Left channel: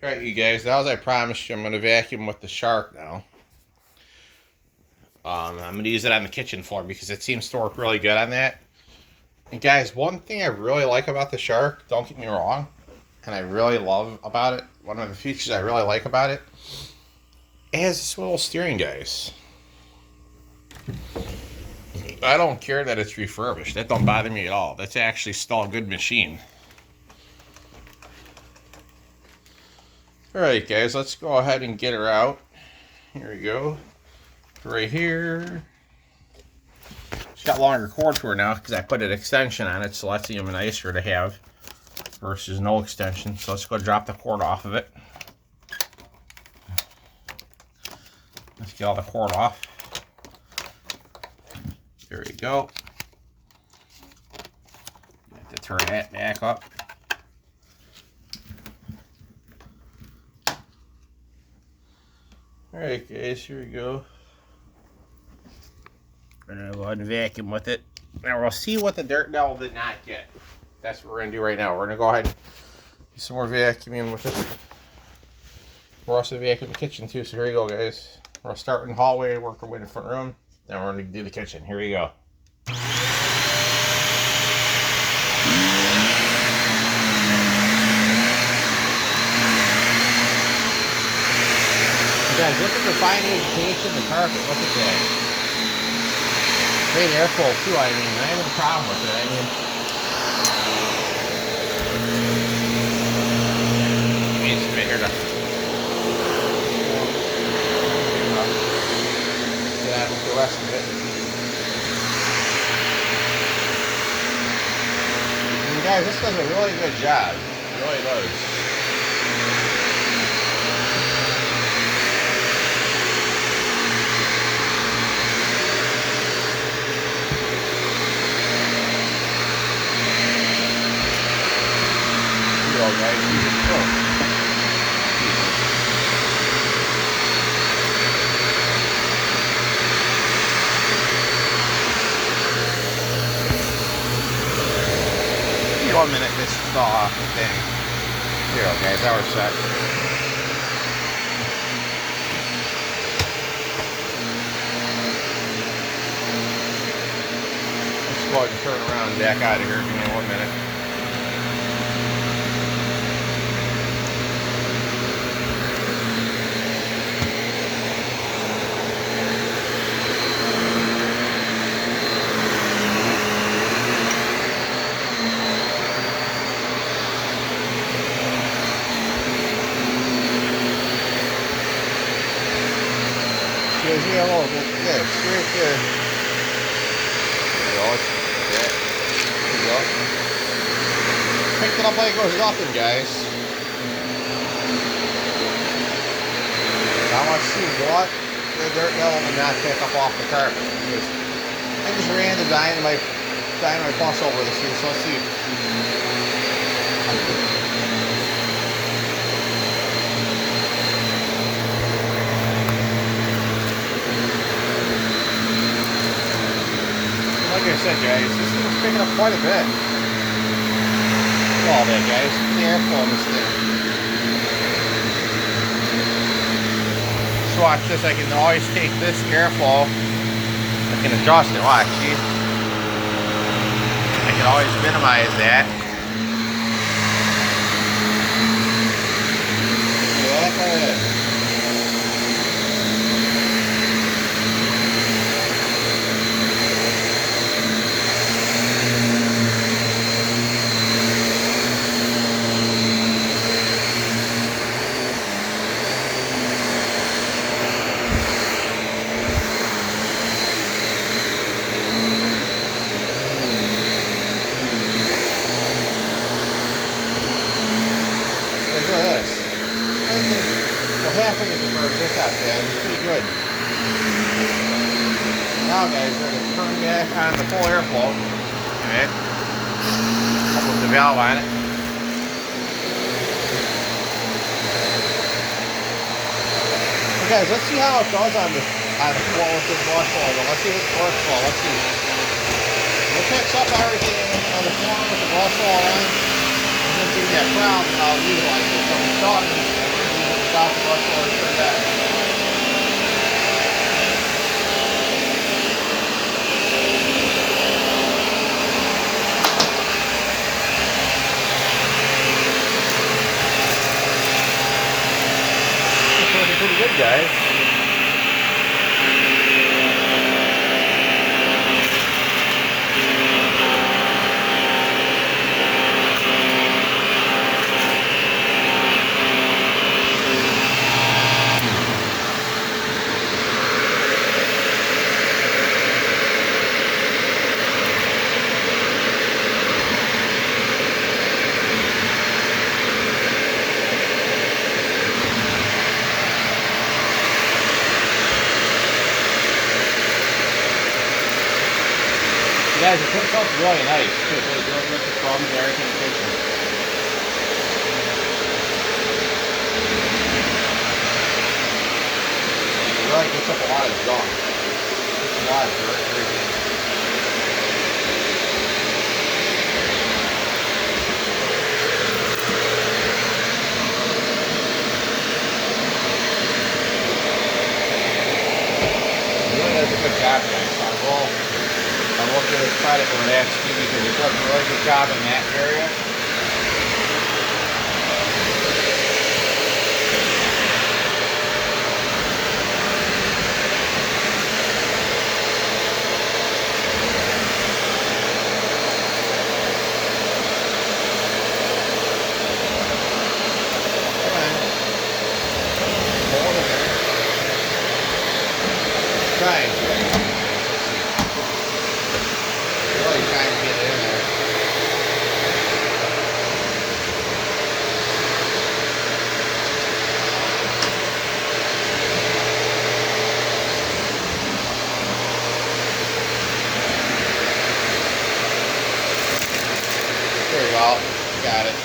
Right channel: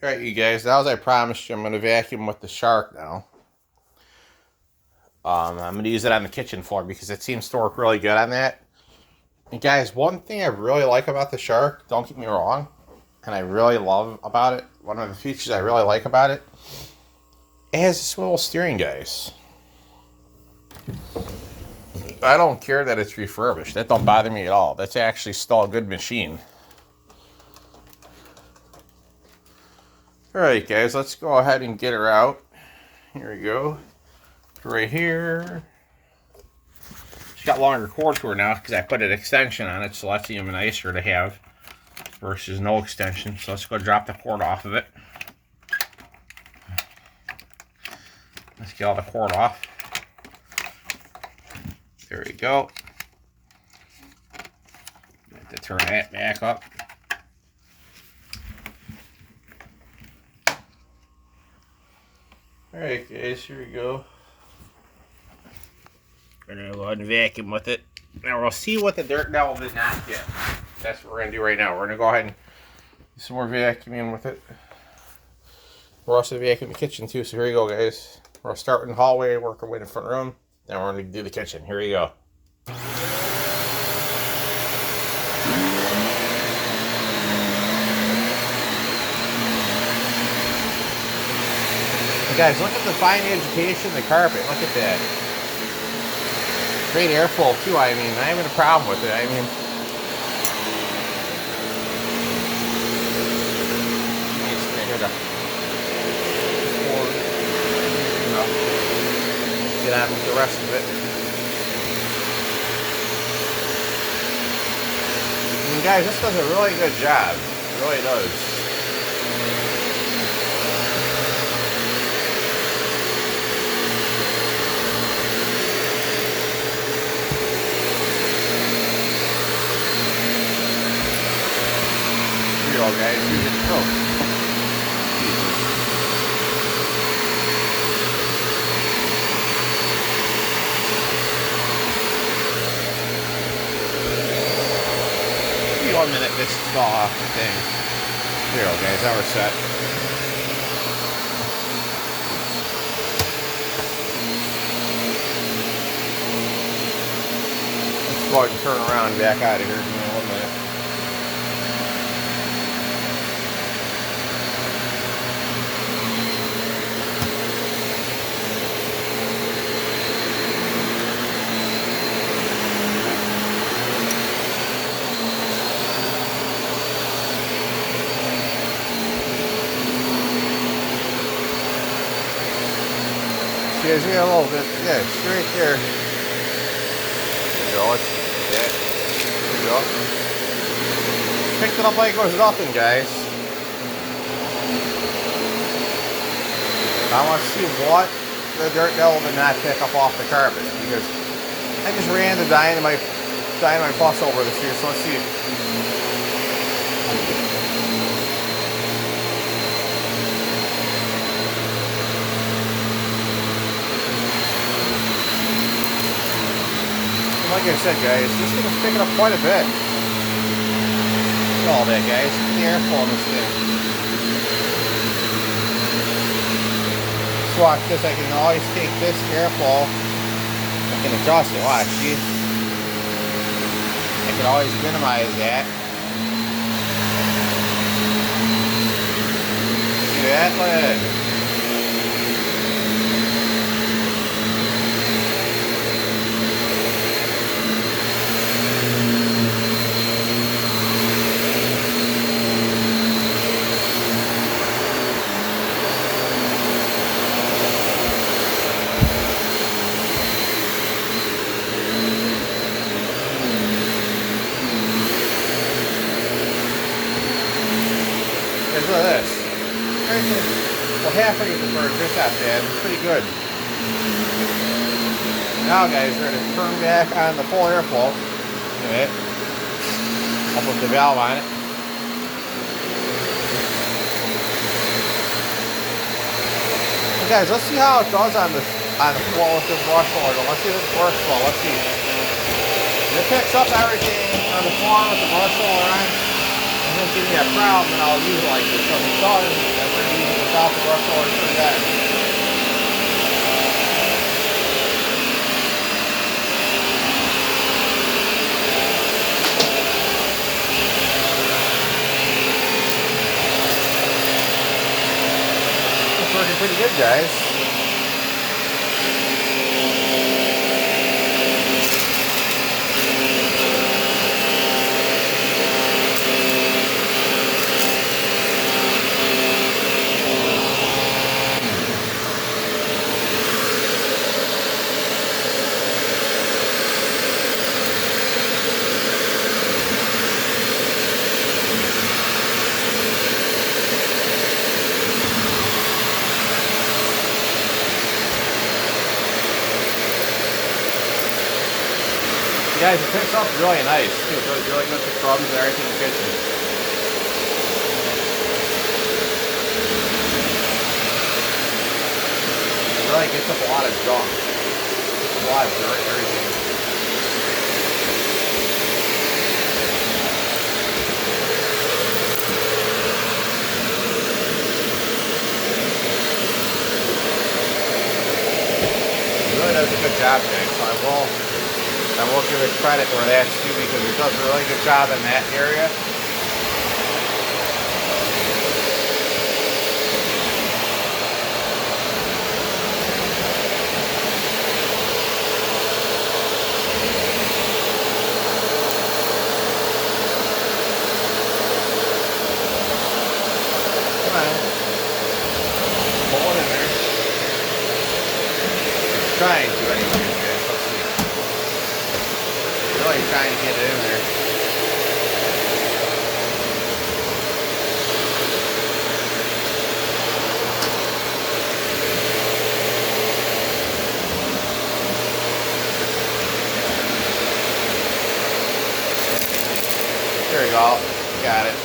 Alright, you guys, now as I promised you, I'm going to vacuum with the shark now. I'm going to use it on the kitchen floor because it seems to work really good on that. And guys, one thing I really like about the shark, don't get me wrong, and I really love about it, one of the features I really like about it, it has a swivel steering, guys. I don't care that it's refurbished. That don't bother me at all. That's actually still a good machine. Alright guys, let's go ahead and get her out. Here we go. Right here. She's got longer cord to her now because I put an extension on it, so that's even nicer to have versus no extension. So let's go drop the cord off of it. Let's get all the cord off. There we go. Have to turn that back up. Alright guys, here we go. We're gonna go ahead and vacuum with it. Now we'll see what the dirt devil did not get. That's what we're gonna do right now. We're gonna go ahead and do some more vacuuming with it. We're also vacuuming the kitchen too, so here you go guys. We'll start in the hallway, work our way in the front room, then we're gonna do the kitchen. Here you go. Guys, look at the fine vegetation, the carpet, look at that. Great airflow too, I mean, I have a problem with it, I mean. Needs to be here to get on with the rest of it. And guys, this does a really good job, it really does. Guys, use it. Oh. Give me 1 minute, this is all off the thing. Here we go, guys, now we're set. Let's go ahead and turn around and back out of here. Give me 1 minute. Gives me a little bit, yeah, it's right there. There you go, okay, there you go. Picked it up like it was nothing, guys. I want to see what the dirt devil did not pick up off the carpet, because I just ran the dynamite bus over this here, so let's see. Like I said, guys, this thing is picking up quite a bit. Look at all that, guys. Look at the airflow in this thing. So watch this. I can always take this airflow. I can adjust it. Watch, see? I can always minimize that. See that? Look at that. Look at this. Well, halfway to the bird, that's not bad. It's pretty good. Now, guys, we're going to turn back on the full airflow. Okay. I'll put the valve on it. Okay, guys, let's see how it does on the floor with this brush roller. Let's see if it works well. Let's see. It picks up everything on the floor with the brush roller on. doesn't give me a problem, then I'll use it like this. So if it does, then we're going to use it without the rust roller turned on. It's working pretty good, guys. You guys, it picks up really nice too. It does really good for crumbs and everything in the kitchen. It really gets up a lot of junk. Gets a lot of dirt and everything. It really does a good job, guys. I will give it credit where that's due because it does a really good job in that area. Come on. Hold it there. It's trying to anyway. Really trying to get it in there. There you go. Got it.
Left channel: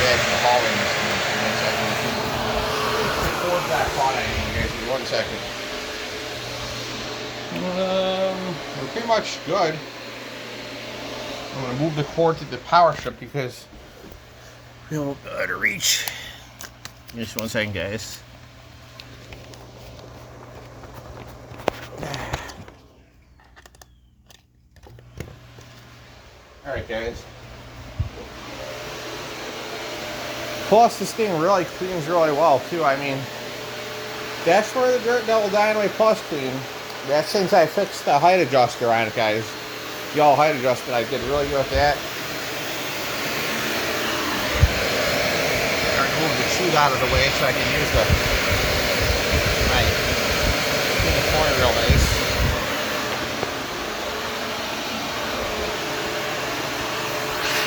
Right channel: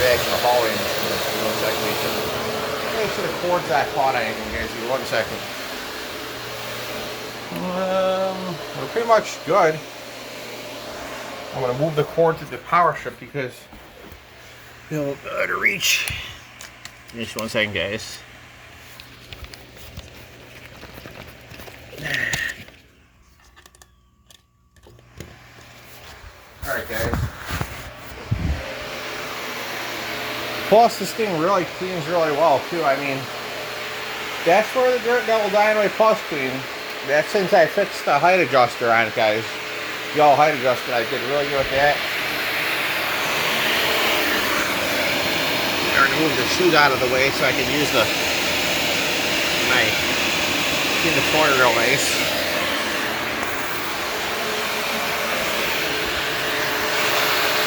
Back in the hallway. The cord's not caught anything, guys. Give me 1 second. We're pretty much good. I'm gonna move the cord to the power strip because we'll be able to reach. Give me just 1 second, guys. All right, guys. Plus, this thing really cleans really well, too. I mean, that's where the Dirt Devil Dynamite Plus clean. That's since I fixed the height adjuster on it, guys. The all height adjustment, I did really good with that. I'm going to move the chute out of the way so I can use the corner real nice.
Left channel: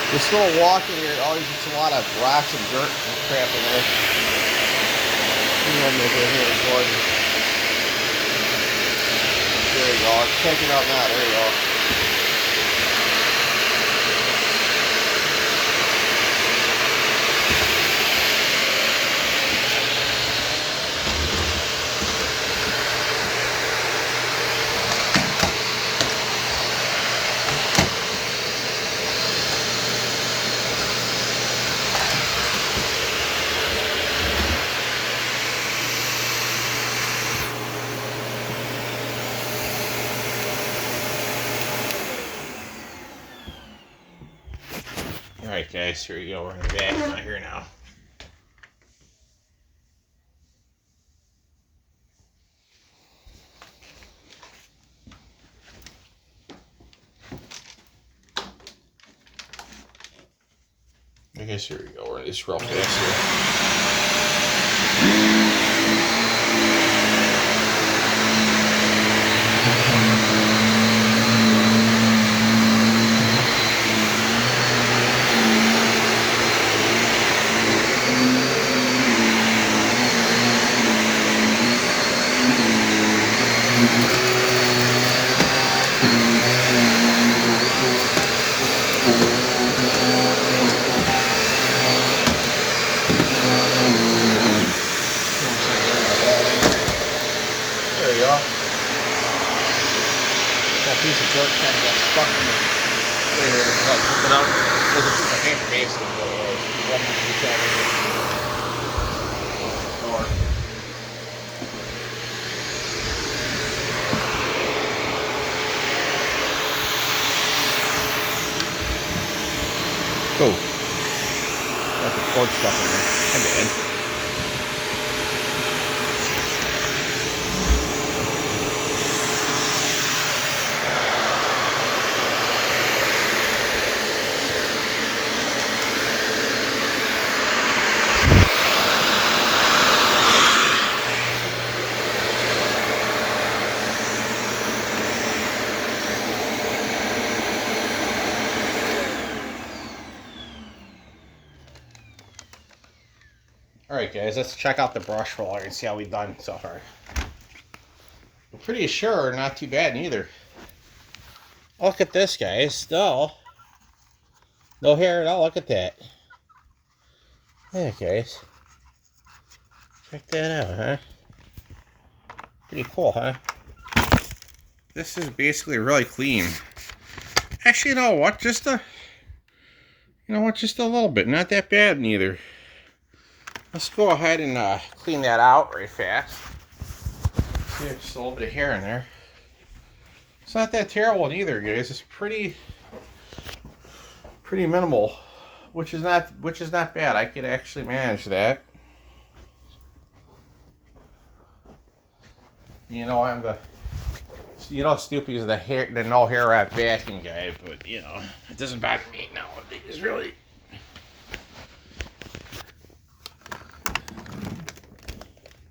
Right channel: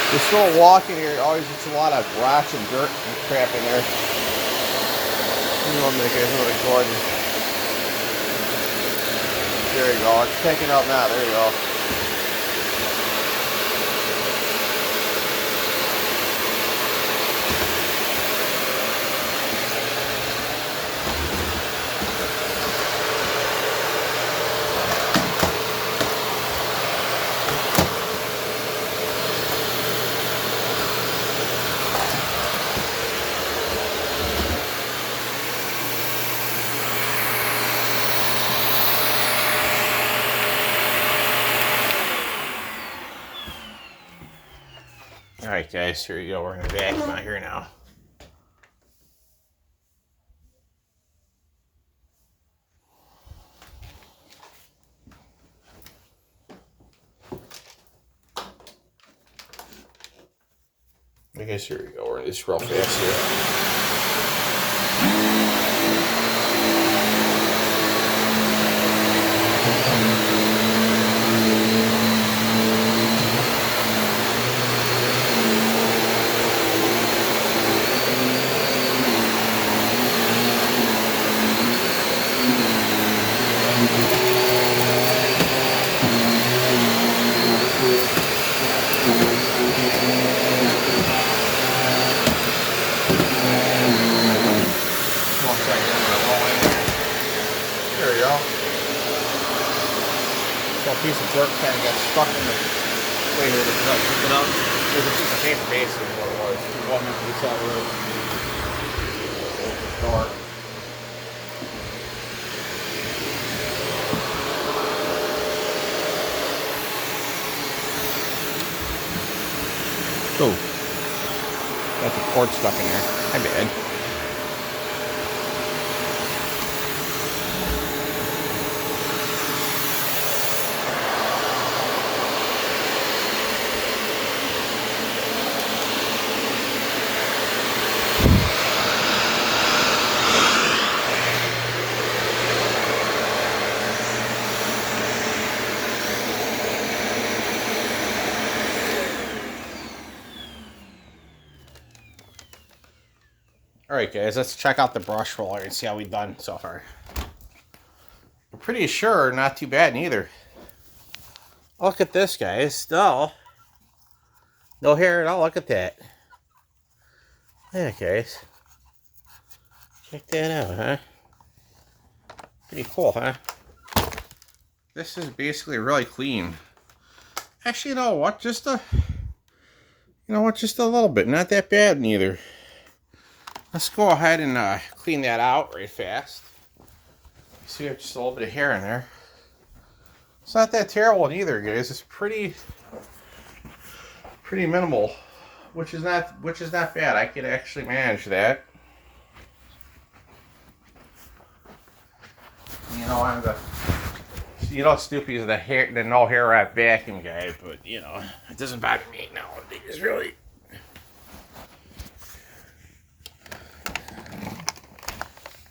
This little walk in here always gets a lot of rocks and dirt and crap in there. You know, make it really good. There you go. It's picking up now. There you go. Alright guys, here you go, we're gonna vacuum out here now. I guess here we go, we're gonna just real fast here. There a piece of dirt kind of got stuck in the way where it was like, there's a piece of paper basically. One piece out of the door. Oh, got the cord stuck in there. My bad. Alright guys, let's check out the brush roller and see how we've done so far. I'm pretty sure not too bad neither. Look at this guys, still no hair at all. Look at that. Yeah guys, check that out, huh? Pretty cool, huh? This is basically really clean. Actually, you know what, just a little bit, not that bad neither. Let's go ahead and clean that out right fast. See, there's just a little bit of hair in there. It's not that terrible either, guys. It's pretty minimal, which is not bad. I could actually manage that. You know, Snoopy's the no hair wrap vacuum guy, but you know, it doesn't bother me nowadays, really.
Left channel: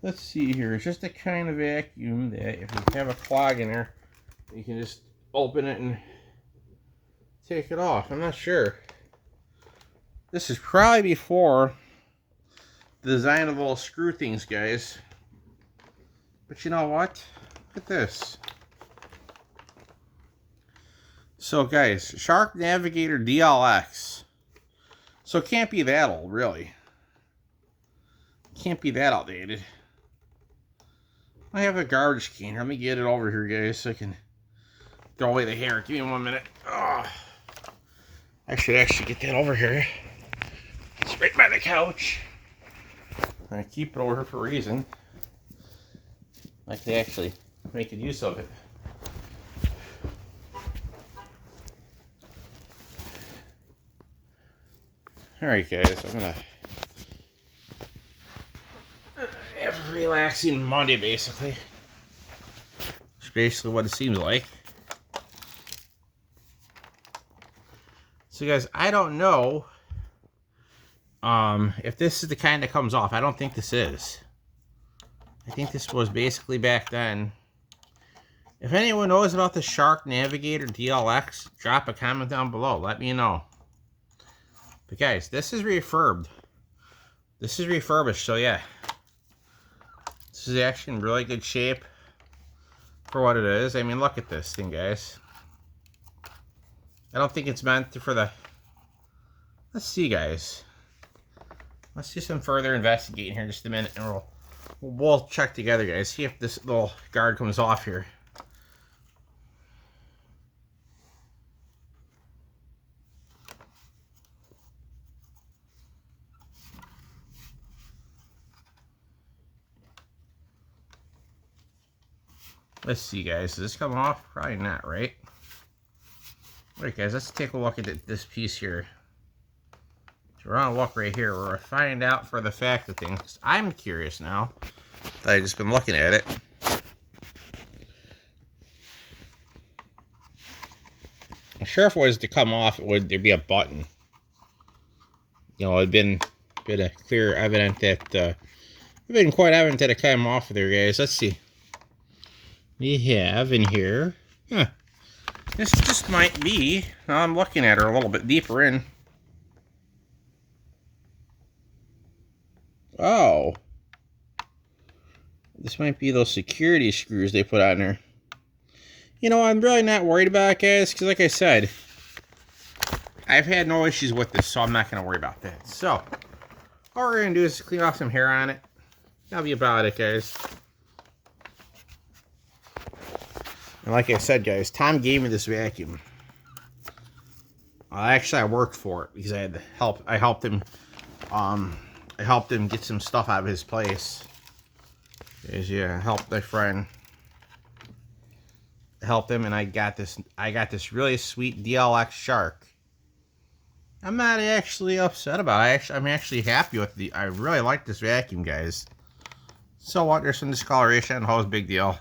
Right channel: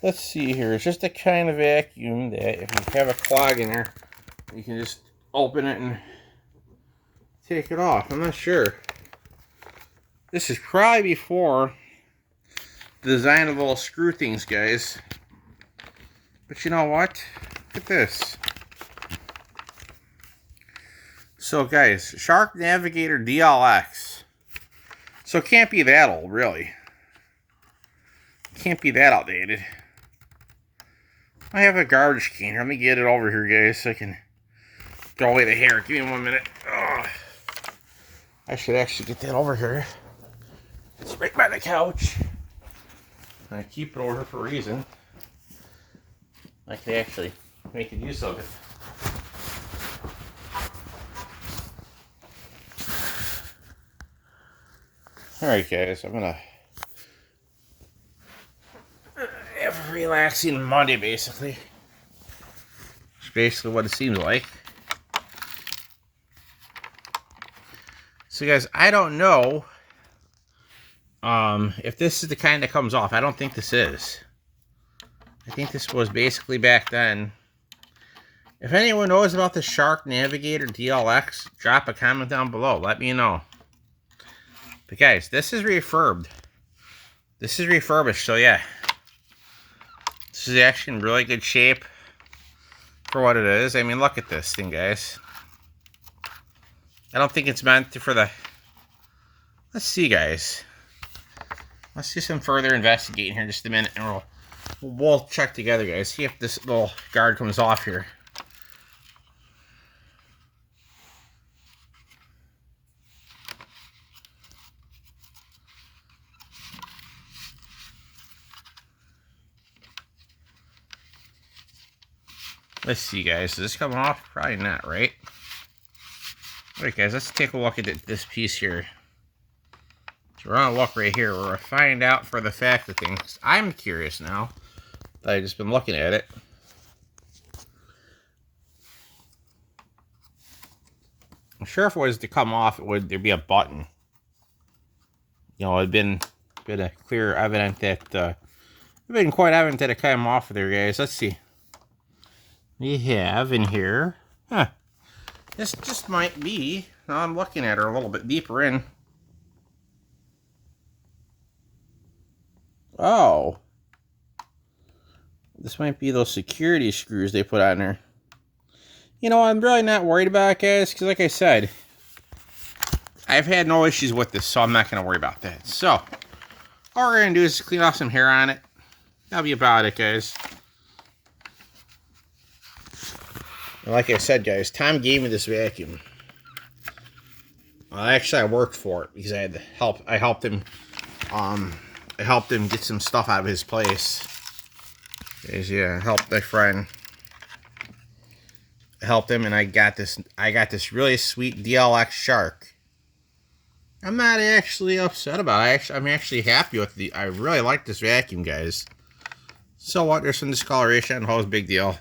Let's see here. It's just a kind of vacuum that if you have a clog in there, you can just open it and take it off. I'm not sure. This is probably before the design of the little screw things, guys. But you know what? Look at this. So guys, Shark Navigator DLX. So it can't be that old, really. Can't be that outdated. I have a garbage can here. Let me get it over here, guys, so I can throw away the hair. Give me 1 minute. Oh, I should actually get that over here. It's right by the couch. I keep it over here for a reason. I can actually make good use of it. Alright, guys, I'm gonna have a relaxing Monday, basically. It's basically what it seems like. So, guys, I don't know if this is the kind that comes off. I don't think this is. I think this was basically back then. If anyone knows about the Shark Navigator DLX, drop a comment down below. Let me know. But, guys, this is refurbed. This is refurbished, so yeah. This is actually in really good shape for what it is. I mean, look at this thing, guys. I don't think it's meant for the... Let's see, guys. Let's do some further investigating here in just a minute, and we'll check together, guys. See if this little guard comes off here. Let's see, guys. Does this come off? Probably not, right? Alright, guys. Let's take a look at this piece here. So we're on a look right here. We're going to find out for the fact of things. I'm curious now that I've just been looking at it. I'm sure if it was to come off, there'd be a button. You know, it'd been a clear evident that it'd been quite evident that it came off there, guys. Let's see. We have in here, this just might be, now I'm looking at her a little bit deeper in. Oh. This might be those security screws they put on there. You know, I'm really not worried about it, guys, because like I said, I've had no issues with this, so I'm not going to worry about that. So, all we're going to do is clean off some hair on it. That'll be about it, guys. And like I said, guys, Tom gave me this vacuum. Actually, I worked for it because I had to help. I helped him get some stuff out of his place. Yeah, helped my friend. Helped him, and I got this really sweet DLX Shark. I'm not actually upset about it. I'm actually happy with I really like this vacuum, guys. So what? There's some discoloration. Oh, it's a big deal.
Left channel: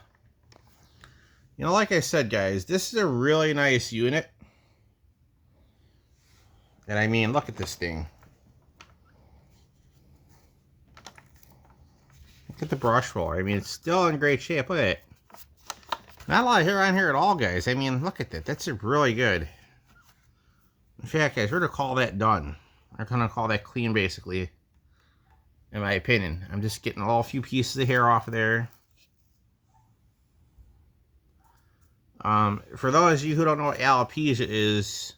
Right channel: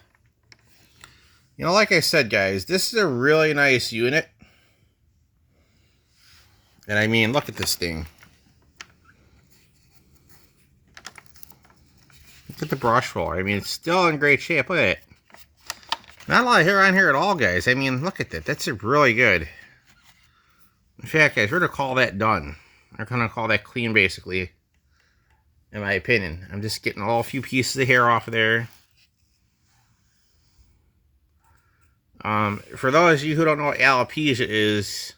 You know, like I said, guys, this is a really nice unit. And I mean, look at this thing. Look at the brush roller. I mean, it's still in great shape. Look at it. Not a lot of hair on here at all, guys. I mean, look at that. That's really good. In fact, guys, we're going to call that done. We're going to call that clean, basically. In my opinion. I'm just getting a few pieces of hair off of there. For those of you who don't know what alopecia is,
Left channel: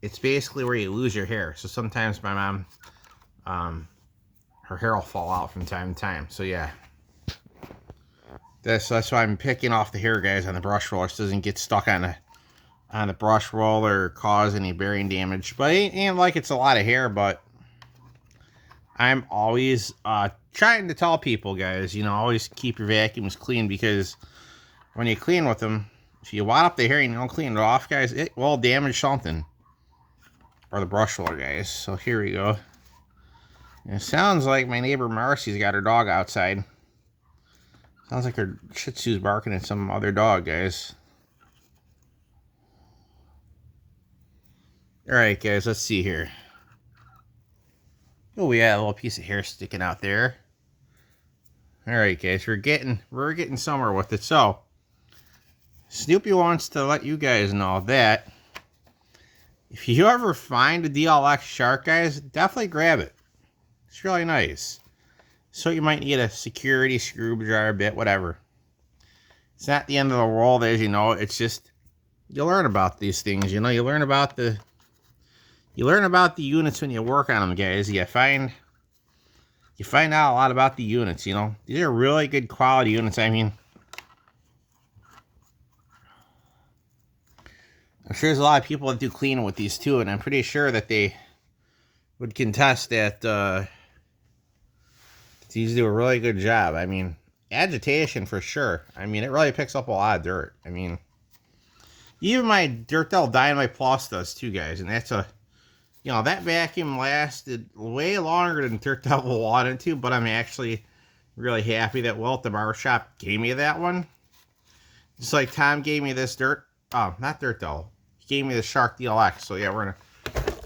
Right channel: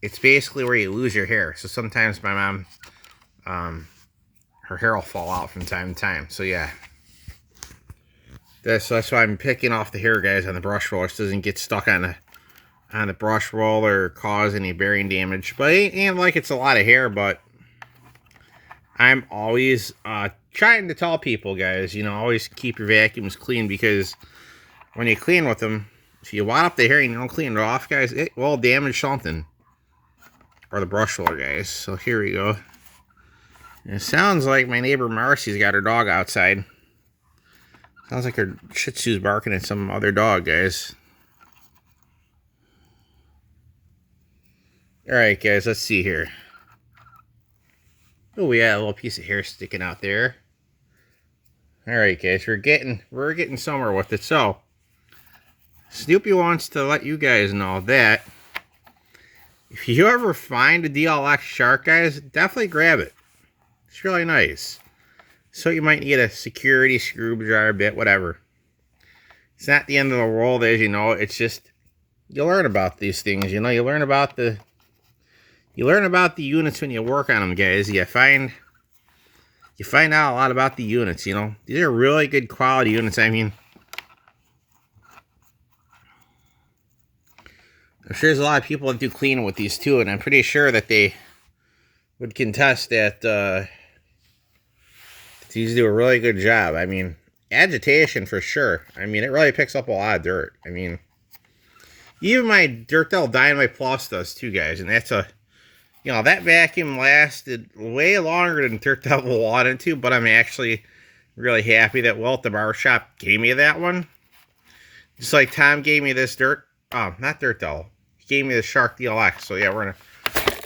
it's basically where you lose your hair. So sometimes my mom, her hair will fall out from time to time. So yeah. That's why I'm picking off the hair, guys, on the brush roller. So it doesn't get stuck on the brush roller or cause any bearing damage. But it ain't like it's a lot of hair, but I'm always trying to tell people, guys, you know, always keep your vacuums clean, because when you clean with them, if you wad up the hair and you don't clean it off, guys, it will damage something. Or the brush roller, guys. So here we go. And it sounds like my neighbor Marcy's got her dog outside. Sounds like her Shih Tzu's barking at some other dog, guys. Alright, guys, let's see here. Oh, we got a little piece of hair sticking out there. Alright, guys, we're getting somewhere with it. So, Snoopy wants to let you guys know that if you ever find a DLX Shark, guys, definitely grab it. It's really nice. So you might need a security screwdriver bit, whatever. It's not the end of the world, as you know. It's just, you learn about these things, you know. You learn about the units when you work on them, guys. You find out a lot about the units, you know. These are really good quality units. I mean, I'm sure there's a lot of people that do cleaning with these too, and I'm pretty sure that they would contest that these do a really good job. I mean, agitation for sure. I mean, it really picks up a lot of dirt. I mean, even my Dirt Devil Dynamite Plus does too, guys, and that's you know, that vacuum lasted way longer than Dirt Devil wanted to, but I'm actually really happy that Will at the barbershop gave me that one. Just like Tom gave me this not Dirt Devil. He gave me the Shark DLX. So yeah, we're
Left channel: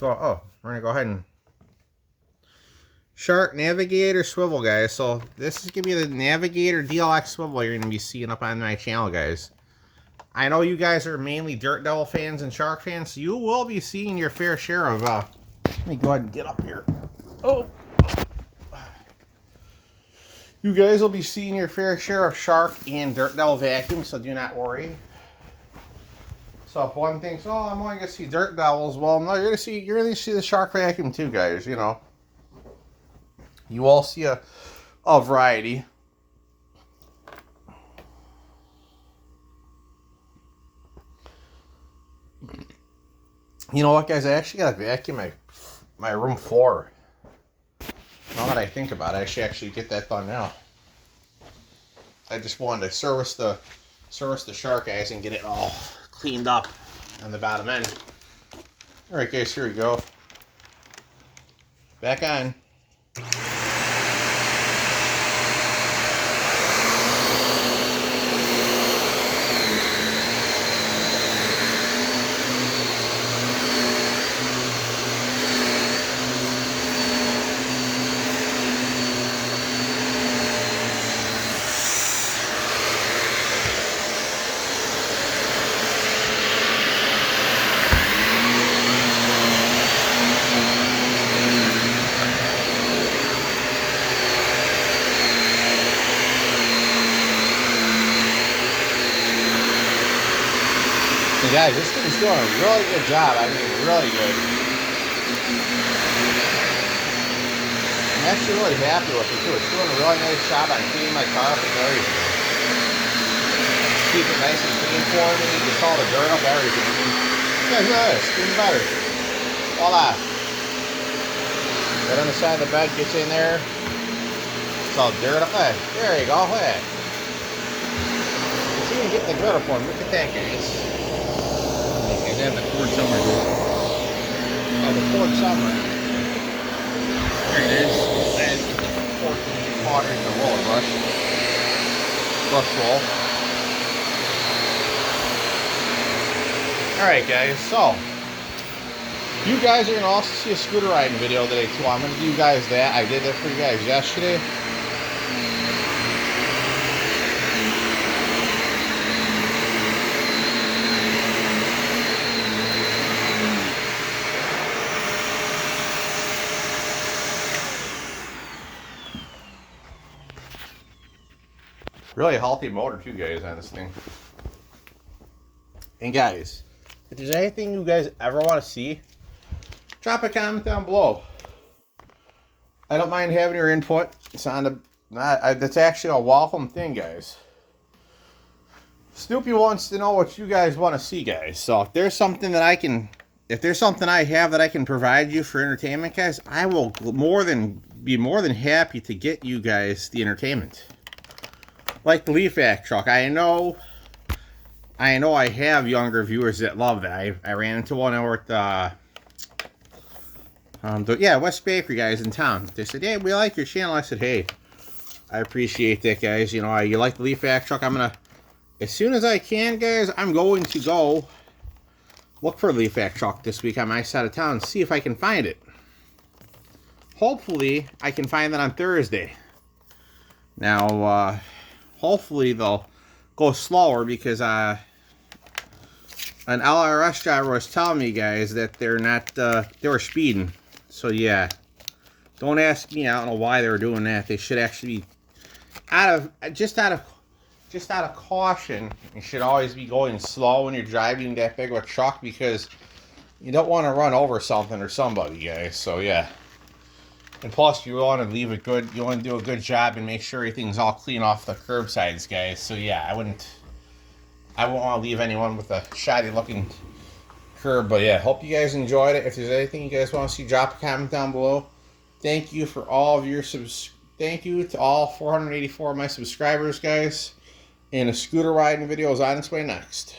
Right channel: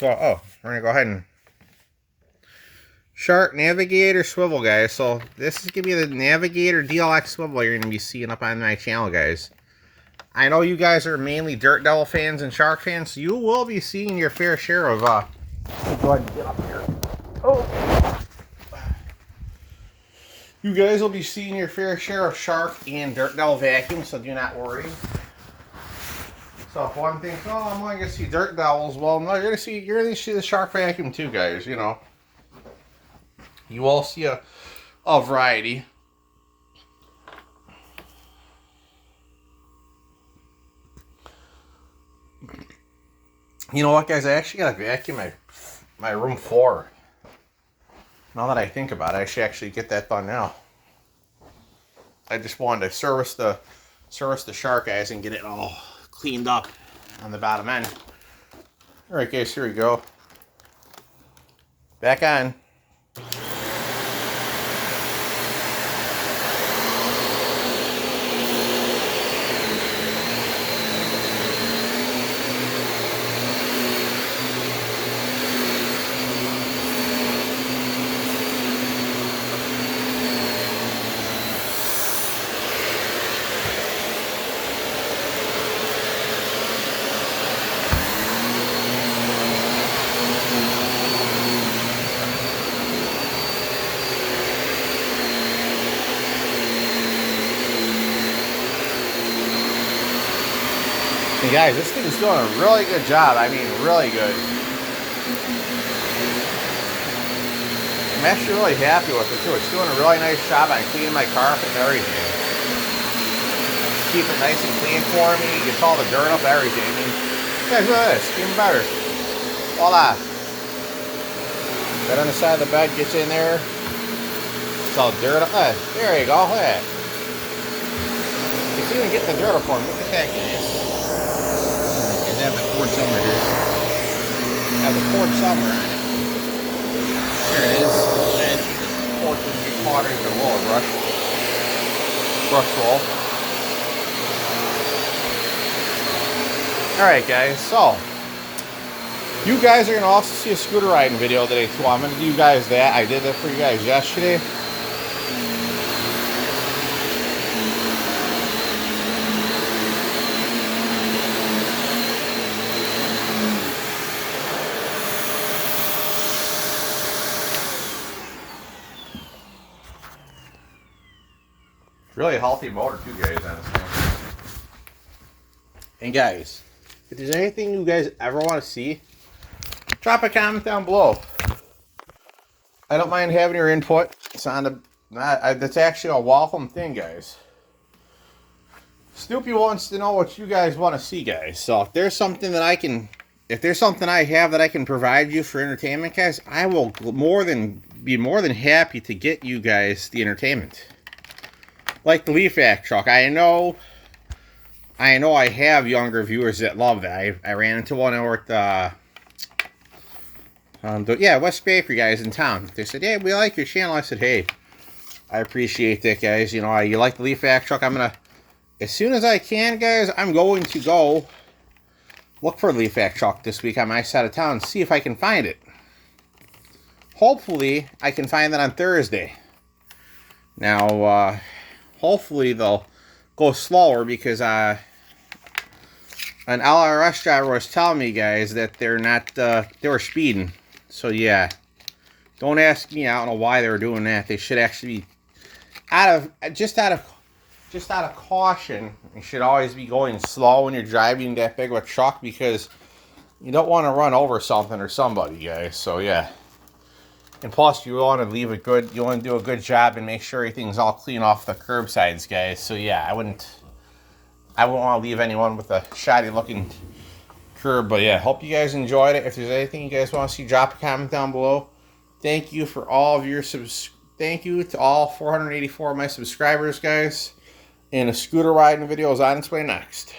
gonna go ahead and Shark Navigator Swivel, guys. So this is gonna be the Navigator DLX Swivel you're gonna be seeing up on my channel, guys. I know you guys are mainly Dirt Devil fans and Shark fans, so you will be seeing your fair share of, let me go ahead and get up here. Oh! You guys will be seeing your fair share of Shark and Dirt Devil vacuums, so do not worry. So if one thinks, oh, I'm only gonna see Dirt Devils, well, no, you're gonna see the Shark vacuum too, guys, you know. You all see a variety. You know what, guys? I actually got to vacuum my room floor. Now that I think about it, I should actually get that done now. I just wanted to service the Shark, guys, and get it all cleaned up on the bottom end. All right, guys, here we go. Back on. And guys, this thing's doing a really good job. I mean, really good. I'm actually really happy with it too. It's doing a really nice job on cleaning my carpet and everything. keep it nice and clean for me. Gets all the dirt up, everything. I mean, guys, look at this. Even better. Voila. Right on the side of the bed, gets in there. It's all dirt up. There you go. Look at that. It's even getting the dirt up for me. Look at that, guys. I have the cord somewhere, dude. I have the cord somewhere. There it is. And cord can be caught in the roller brush. Brush roll. Alright guys, so you guys are going to also see a scooter riding video today too. I'm going to do you guys that. I did that for you guys yesterday. Really healthy motor too, guys, on this thing. And guys, if there's anything you guys ever want to see, drop a comment down below. I don't mind having your input. It's on the that's actually a welcome thing, guys. Snoopy wants to know what you guys want to see, guys. So if there's something that I have that I can provide you for entertainment, guys, I will be more than happy to get you guys the entertainment. Like the leaf vac truck. I know I have younger viewers that love that. I ran into one over at West Bakery, guys, in town. They said, hey, we like your channel. I said, hey, I appreciate that, guys. You know, you like the leaf vac truck. I'm going to, as soon as I can, guys, I'm going to go look for a leaf vac truck this week on my side of town, see if I can find it. Hopefully, I can find that on Thursday. Now, hopefully they'll go slower because an LRS driver was telling me, guys, that they're not, they were speeding. So yeah, don't ask me. I don't know why they were doing that. They should actually be just out of caution. You should always be going slow when you're driving that big of a truck because you don't want to run over something or somebody, guys. So yeah. And plus, you want to do a good job and make sure everything's all clean off the curbsides, guys. So yeah, I wouldn't want to leave anyone with a shoddy looking curb. But yeah, hope you guys enjoyed it. If there's anything you guys want to see, drop a comment down below. Thank you for all of your thank you to all 484 of my subscribers, guys. And a scooter riding video is on its way next.